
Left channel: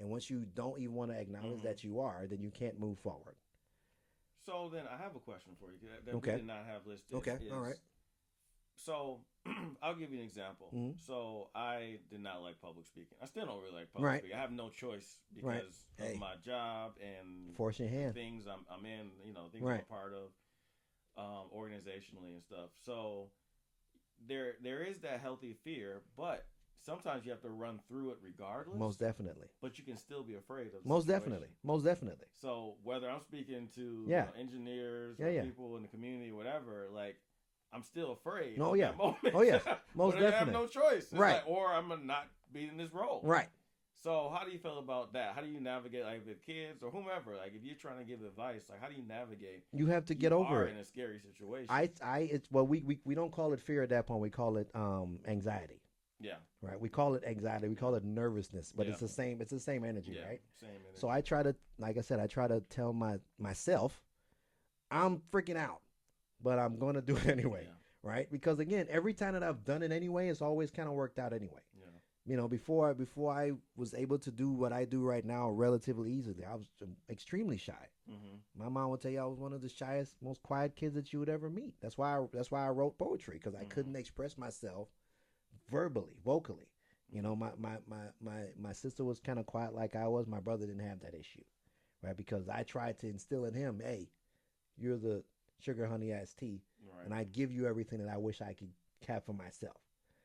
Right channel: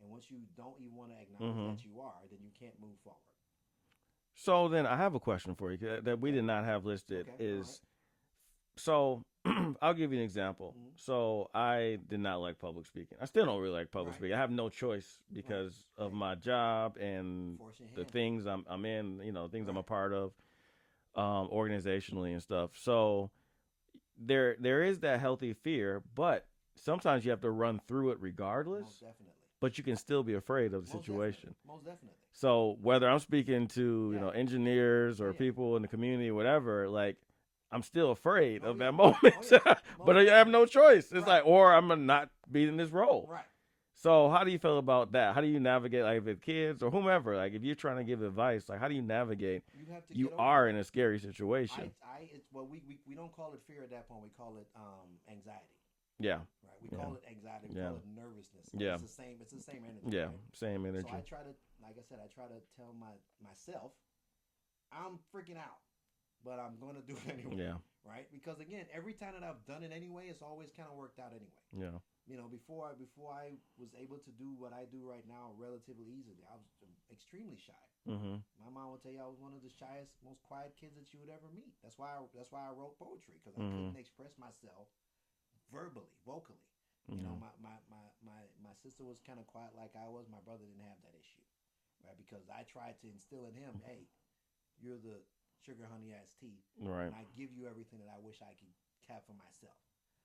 And once you don't even want to acknowledge Mm-hmm. that you are, then you can't move forward. So then I have a question for you that we Okay. did not have listed. Okay. All right. Is so I'll give you an example. Mm-hmm. So I did not like public speaking. I still don't really like public Right. speaking. I have no choice because of Hey. my job and Force your the hand. things I'm in. Things I'm a Right. part of, organizationally and stuff. So there is that healthy fear, but sometimes you have to run through it regardless. Most definitely. But you can still be afraid of the Most situation. definitely. Most definitely. So whether I'm speaking to Yeah. engineers or Yeah. people in the community, whatever, like I'm still afraid Oh, of yeah. that moment. Oh, yeah. Most But I have no choice. It's Right. like, or I'm gonna not be in this role. Right. So how do you feel about that? How do you navigate, like, with kids or whomever? Like, if you're trying to give advice, like, how do you navigate? You have to You get over are it. in a scary situation. It's well, we don't call it fear at that point. We call it anxiety. Yeah. Right. We call it anxiety. We call it nervousness, but Yeah. it's the same. It's the same energy. Yeah. Right. Same energy. So I try to, like I said, I try to tell myself, I'm freaking out, but I'm going to do it anyway. Yeah. Right. Because again, every time that I've done it anyway, it's always kind of worked out anyway. Yeah. Before I was able to do what I do right now relatively easily, I was extremely shy. Mm-hmm. My mom would tell you I was one of the shyest, most quiet kids that you would ever meet. That's why I wrote poetry, because I couldn't express myself vocally. My sister was kind of quiet like I was. My brother didn't have that issue, right? Because I tried to instill in him, hey, you're the sugar honey iced tea, Right. and I give you everything that I wish I could have for myself.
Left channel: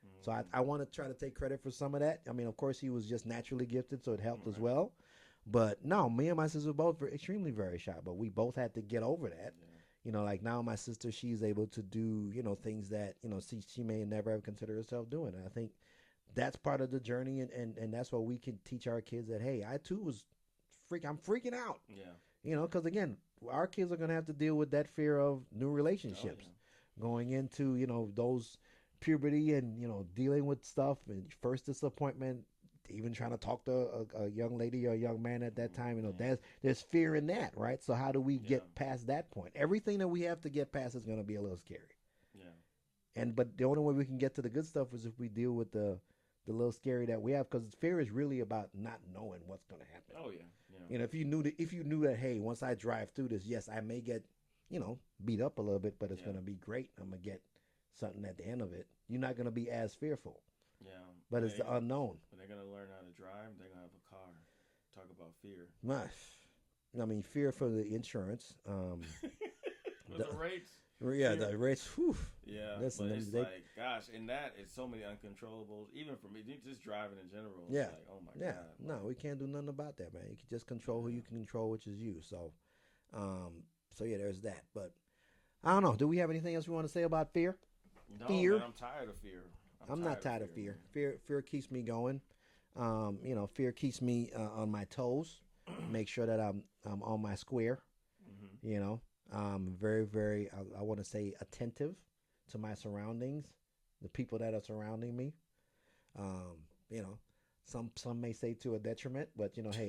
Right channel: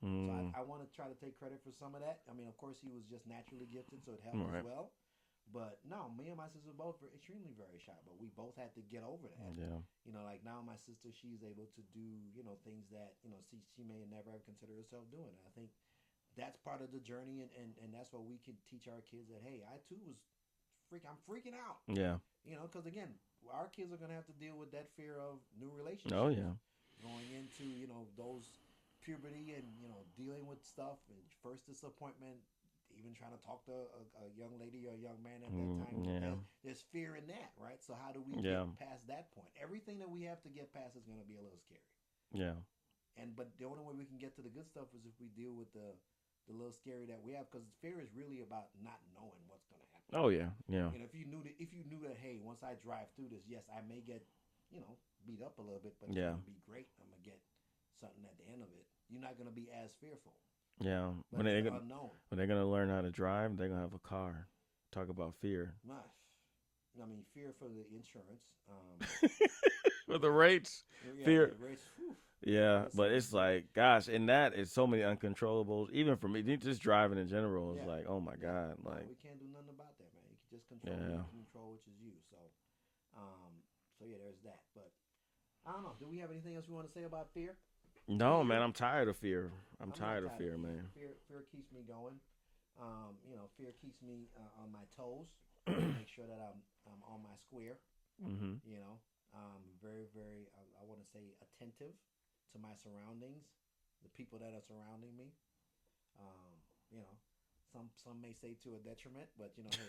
Mm. So I want to try to take credit for some of that. I mean, of course, he was just naturally gifted, so it helped as well. But no, me and my sister both were extremely very shy, but we both had to get over that. Yeah. Like now my sister, she's able to do, things that, she may never have considered herself doing. And I think that's part of the journey. And that's what we can teach our kids, that, hey, I too I'm freaking out. Yeah. Because again, our kids are going to have to deal with that fear of new relationships. Oh, yeah. Going into, those puberty and, dealing with stuff and first disappointment, even trying to talk to a young lady or a young man at that time. There's fear in that, right? So how do we get past that point? Everything that we have to get past is going to be a little scary. Yeah. But the only way we can get to the good stuff is if we deal with the little scary that we have, because fear is really about not knowing what's going to happen. Oh yeah. Yeah. If you knew that, hey, once I drive through this, yes, I may get, beat up a little bit, but it's going to be great. I'm going to get something at the end of it. You're not going to be as fearful. Yeah. But it's the unknown. When they're going to learn how to drive, they're going to have a car. Talk about fear. I mean, fear for the insurance. For the rates. Yeah, fear. The rates. Whew. Yeah, but it's like, gosh, in that, it's so many uncontrollables. Even for me, just driving in general, it's like, oh my God. No, we can't do nothing about that, man. You can just control who you can control, which is you. So yeah, there's that. But I don't know. Do we have anything else we want to say about fear? No, man, I'm tired of fear. I'm not tired of fear. Man. Fear keeps me going. Fear keeps me on my toes. Make sure that I'm on my square. Mm-hmm. Very, very, I want to say, attentive to my surroundings, the people that are surrounding me. Some may say to a detriment, but hey,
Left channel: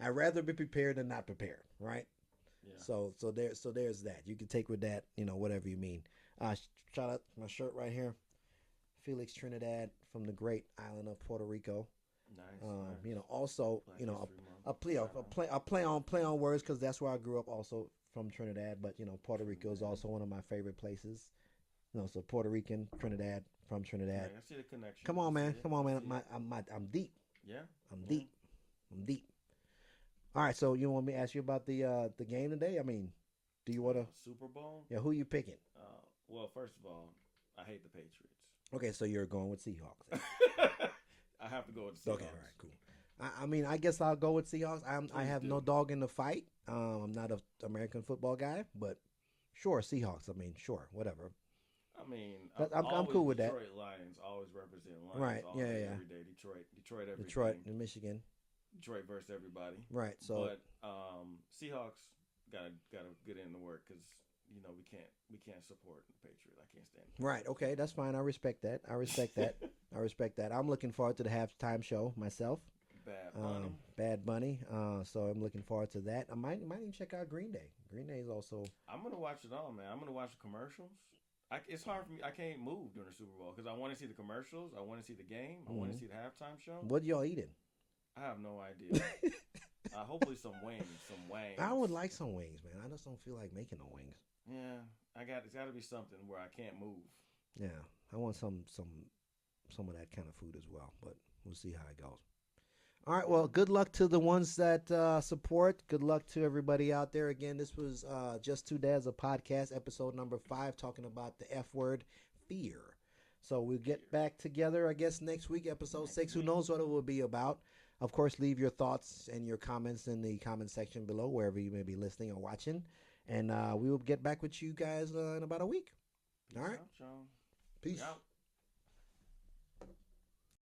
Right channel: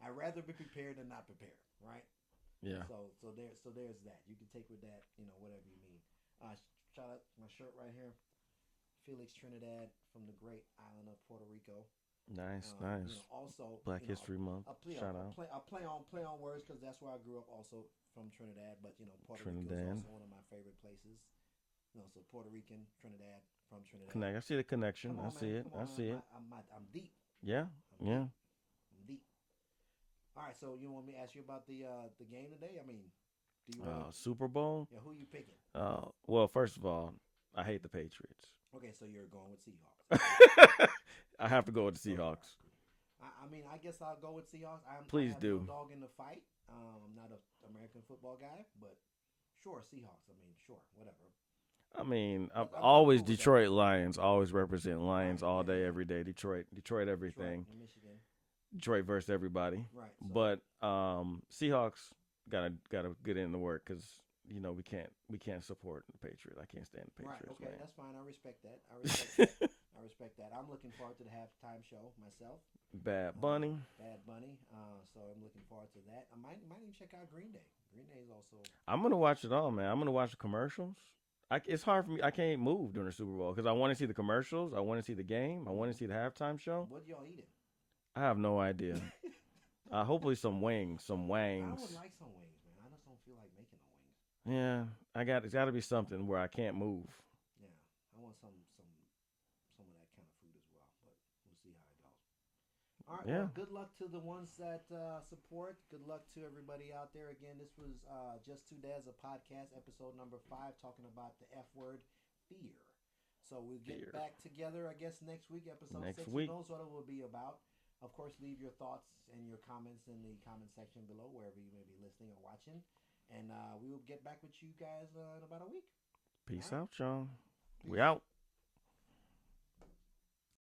I'd rather be prepared than not prepared, right? Yeah. So there's that. You can take with that, whatever you mean. Shout out my shirt right here, Felix Trinidad from the great island of Puerto Rico. Nice. Also, Black History Month. I play on words because that's where I grew up, also from Trinidad. But Puerto Rico is also one of my favorite places. So Puerto Rican, Trinidad, from Trinidad. I see the connection. Come on, man. I'm deep. Yeah. I'm deep. All right. So you want me to ask you about the game today? I mean, do you want to Super Bowl? Yeah. Who you picking? Well, first of all, I hate the Patriots. Okay, so you're going with Seahawks. I have to go with the Seahawks. Okay, right, cool. I mean, I guess I'll go with Seahawks. I have no dog in the fight. I'm not an American football guy, but sure, Seahawks. I mean, sure, whatever. I mean, I'm always cool Detroit Lions. Always represent Lions all day, yeah. every day. Detroit everything. Detroit and Michigan. Detroit versus everybody. Right. So. But Seahawks gotta get in the work because we can't support the Patriots. I can't stand the Patriots. Right. Okay, that's fine. I respect that. I respect that. I'm looking forward to the halftime show myself. Bad Bunny. Bad Bunny. So I'm looking forward to that. I might even check out Green Day. Green Day is also. I'm gonna watch it all, man. I'm gonna watch the commercials. It's hard for me. I can't move during the Super Bowl because I want to see the commercials. I want to see the game. I want to see the halftime show. What y'all eating? I have no idea. Hopefully some wings, some wangs. I would like some wings, man. I just don't feel like making no wings. Yeah, it's got to be something where I can't move. Yeah, I want some of that kind of food as well, but we'll see how it goes. All right, well, good luck to the ones that support. Good luck to everybody out there. Again, this was Just2Dadz, a podcast, episode number 5, talking about the F word, fear. So we'll get back together, I guess, next week, episode 6. Who knows what it will be about? Of course, leave your thoughts and your comments in the comment section below, wherever you may be listening or watching. And we will get back with you guys in about a week. Peace out, y'all. Peace. We out.